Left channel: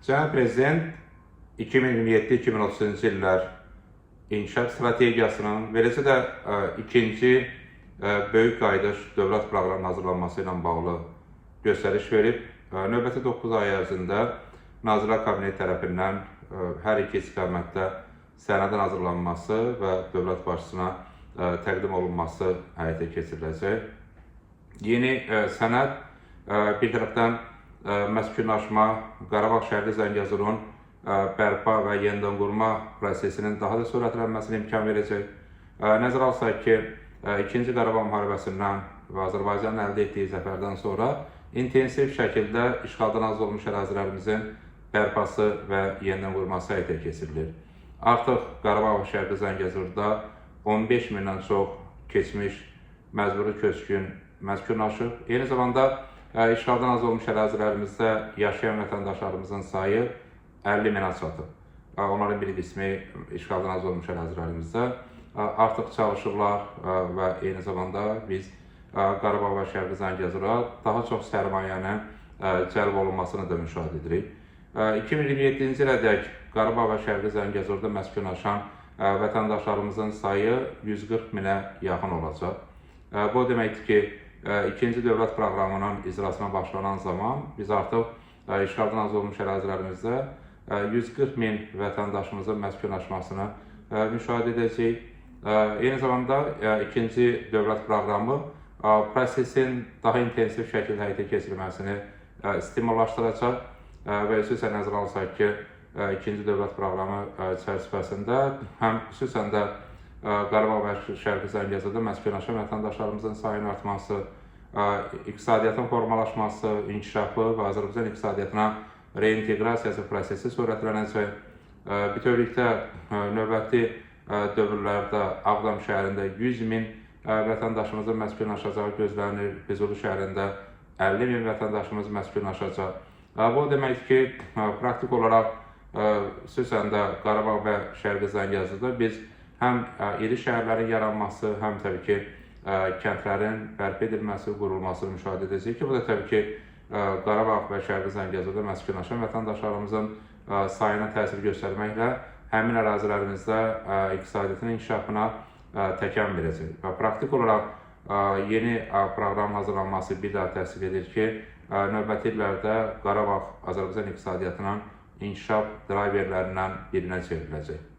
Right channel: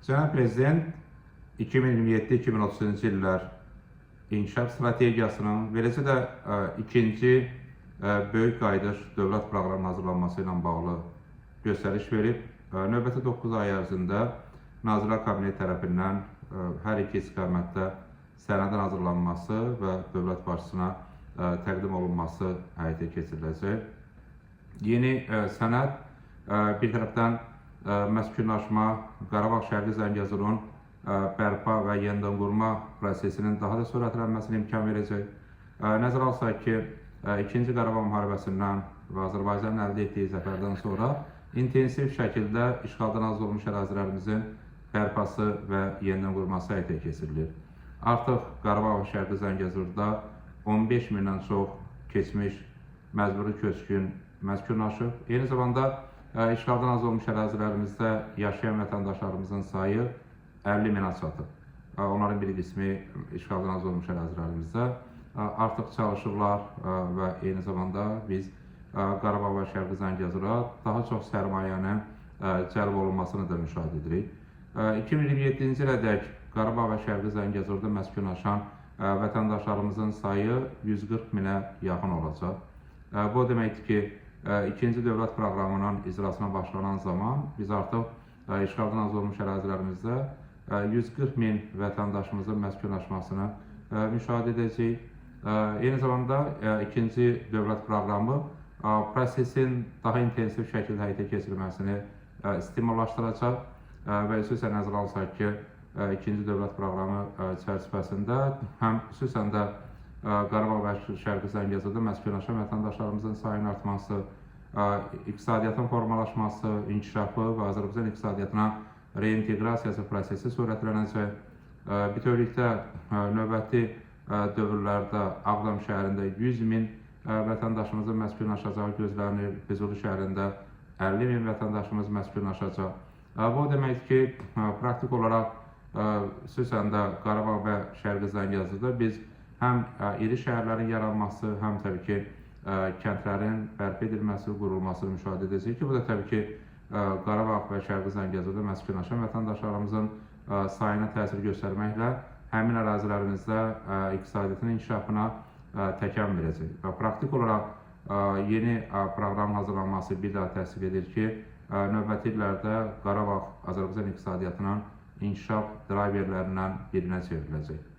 Cənab Prezident 2027-2030-cu illər inkişaf strategiyasının, beləcə də ikinci böyük qayıdış dövlət proqramının hazırlanması ilə bağlı göstəriş verib. Növbəti 9 ay ərzində Nazirlər Kabineti tərəfindən hər iki istiqamətdə sənədin hazırlanması və dövlət başçısına təqdim olunması həyata keçiriləcək. Yeni sənəd bir tərəfdən məskunlaşma, Qarabağ Şərqi Zəngəzurun bərpa və yenidən qurma prosesinin daha da sürətlənməsinə imkan verəcək. Nəzərə alsaq ki, 2-ci Qarabağ müharibəsindən və Azərbaycanın əldə etdiyi zəfərdən sonra intensiv şəkildə işğaldan azad olmuş ərazilərimizin bərpası və yenidən qurması həyata keçirilir. Artıq Qarabağ və Şərqi Zəngəzurda 15 mindən çox keçmiş məcburi köçkün məskunlaşıb. Eyni zamanda işğaldan azad olmuş ərazilərimizdə yaşayan vətəndaşlarımızın sayı 50 minə çatıb. Onların bir qismi işğaldan azad olmuş ərazilərimizdə artıq çalışırlar və eyni zamanda biz Qarabağ və Şərqi Zəngəzura daha çox sərmayənin cəlb olunmasını da müşahidə edirik. 2027-ci ilədək Qarabağ və Şərqi Zəngəzurda məskunlaşan vətəndaşlarımızın sayı 140 minə yaxın olacaq. Bu deməkdir ki, ikinci dövlət proqramının icrasına başlanan zaman biz artıq işğaldan azad olmuş ərazilərimizdə 140 min vətəndaşımızın məskunlaşmasını müşahidə edəcəyik. Eyni zamanda ikinci dövlət proqramı prosesin daha intensiv şəkildə həyata keçirilməsini stimullaşdıracaq və xüsusən nəzərə alsaq ki, ikinci dövlət proqramı çərçivəsində həm xüsusən də Qarabağ və Şərqi Zəngəzurda məskunlaşan vətəndaşlarımızın sayının artması, iqtisadiyyatın formalaşması, inkişafı və Azərbaycan iqtisadiyyatına reinteqrasiyası prosesi sürətlənəcək. Bütövlükdə növbəti dövrlərdə Ağdam şəhərində 100 min vətəndaşımızın məskunlaşacağı gözlənilir, Füzuli şəhərində 50 min vətəndaşımız məskunlaşacaq. Bu deməkdir ki, praktik olaraq xüsusən də Qarabağ və Şərqi Zəngəzurda biz həm iri şəhərlərin yaranması, həm təbii ki, kəndlərin bərpa edilməsi, qurulmasını müşahidə edəcəyik ki, bu da təbii ki, Qarabağ və Şərqi Zəngəzurda məskunlaşan vətəndaşlarımızın sayına təsir göstərməklə həmin ərazilərimizdə iqtisadiyyatın inkişafına təkan verəcək. Və praktik olaraq yeni proqram hazırlanması bir daha təsdiq edir ki, növbəti illərdə Qarabağ Azərbaycan iqtisadiyyatının inkişaf driverlərindən birinə çevriləcək.